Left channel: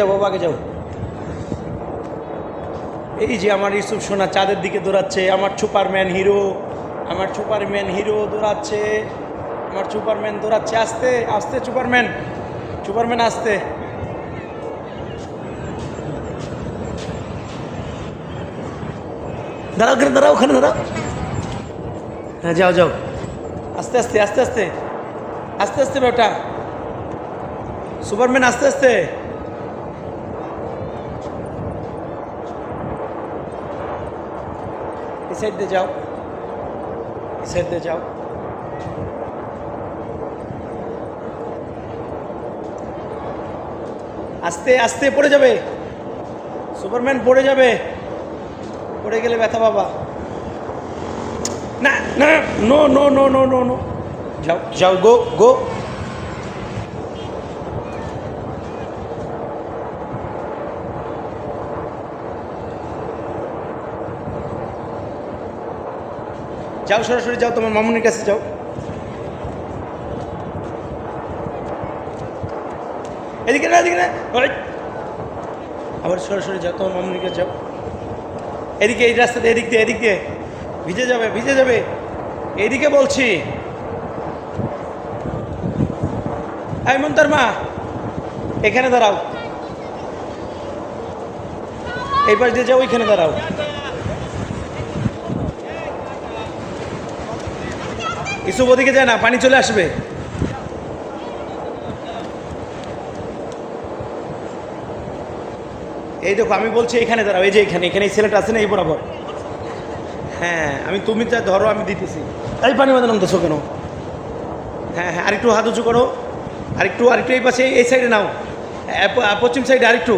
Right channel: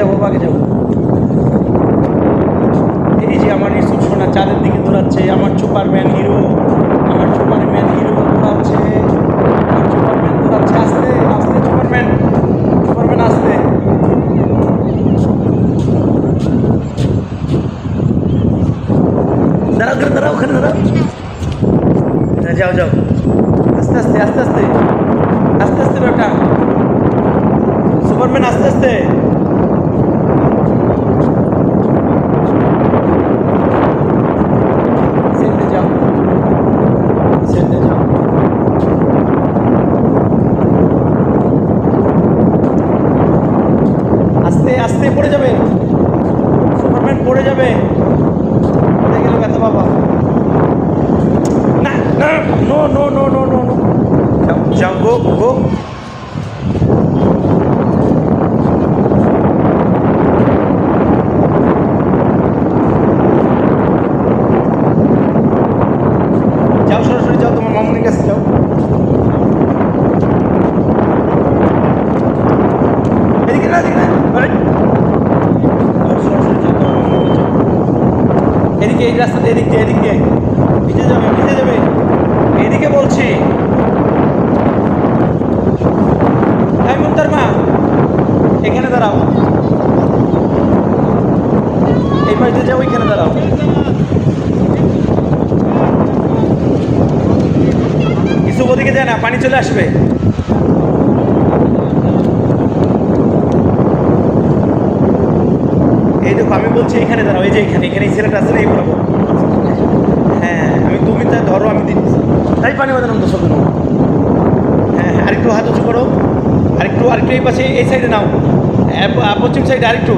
যাও বাবা, আগে যাও। এই যে আমার ইউসুফ সোনা চাঁদের দিকে দৌড়াচ্ছে, আমার সুপারম্যান হিরো, আমার সুপারম্যান হিরো দৌড়াচ্ছে, আমার সুপারম্যান দৌড়াচ্ছে। আস্তে আস্তে সুপারম্যান, সুপারম্যান আস্তে। দাঁড়াও ওখানে, দাঁড়াও ওখানে, দাঁড়াও। হ্যাঁ যাও যাও, আস্তে আস্তে আস্তে আস্তে আস্তে আস্তে বেটা, সুপারম্যান আস্তে আস্তে। সেন্টে যাও, সেন্টে যাও। আস্তে আস্তে পড়ে যাবে, সুপারম্যান পড়ে যাবে, পড়ে গেলে ব্যথা বাবা। না না, no no no no no no, যাও যাও, গো গো। যাও সরাসরি যাও, তোমার মামুনির কাছে যাও। এদিকে না, এদিকে না, আবার সরাসরি যাও, তোমার মামুনির কাছে যাও। এদিকে, এই রাস্তাতে, এদিক দিয়ে, এদিক দিয়ে। ভিজে যাবে, ভিজে যাবে, এইদিকে বলছি। এই মুন্তার মা, এখানে দাঁড়াও, এই পাশ দিয়ে যাও, ওইখানে দাঁড়াও। ইসুফ ওদিকে যায় না, পানি চলে আসবে। এই দেখো, আমি বলছি এখানে দাঁড়াও, এই যে এখানে, এখানে ছেলেটা আছে না, এই বরাবর। হ্যাঁ, আমি তুমি তাই ধরো, আমি দিচ্ছি। তাই পানি বাঁধানো দোষ কেন? হ্যাঁ হ্যাঁ, আরেকটু হাত উঁচু করো, আরেকটু আরেকটু এই পাশে, এই সাইডে নাও, পশ্চিম সাইডে আরেকটু।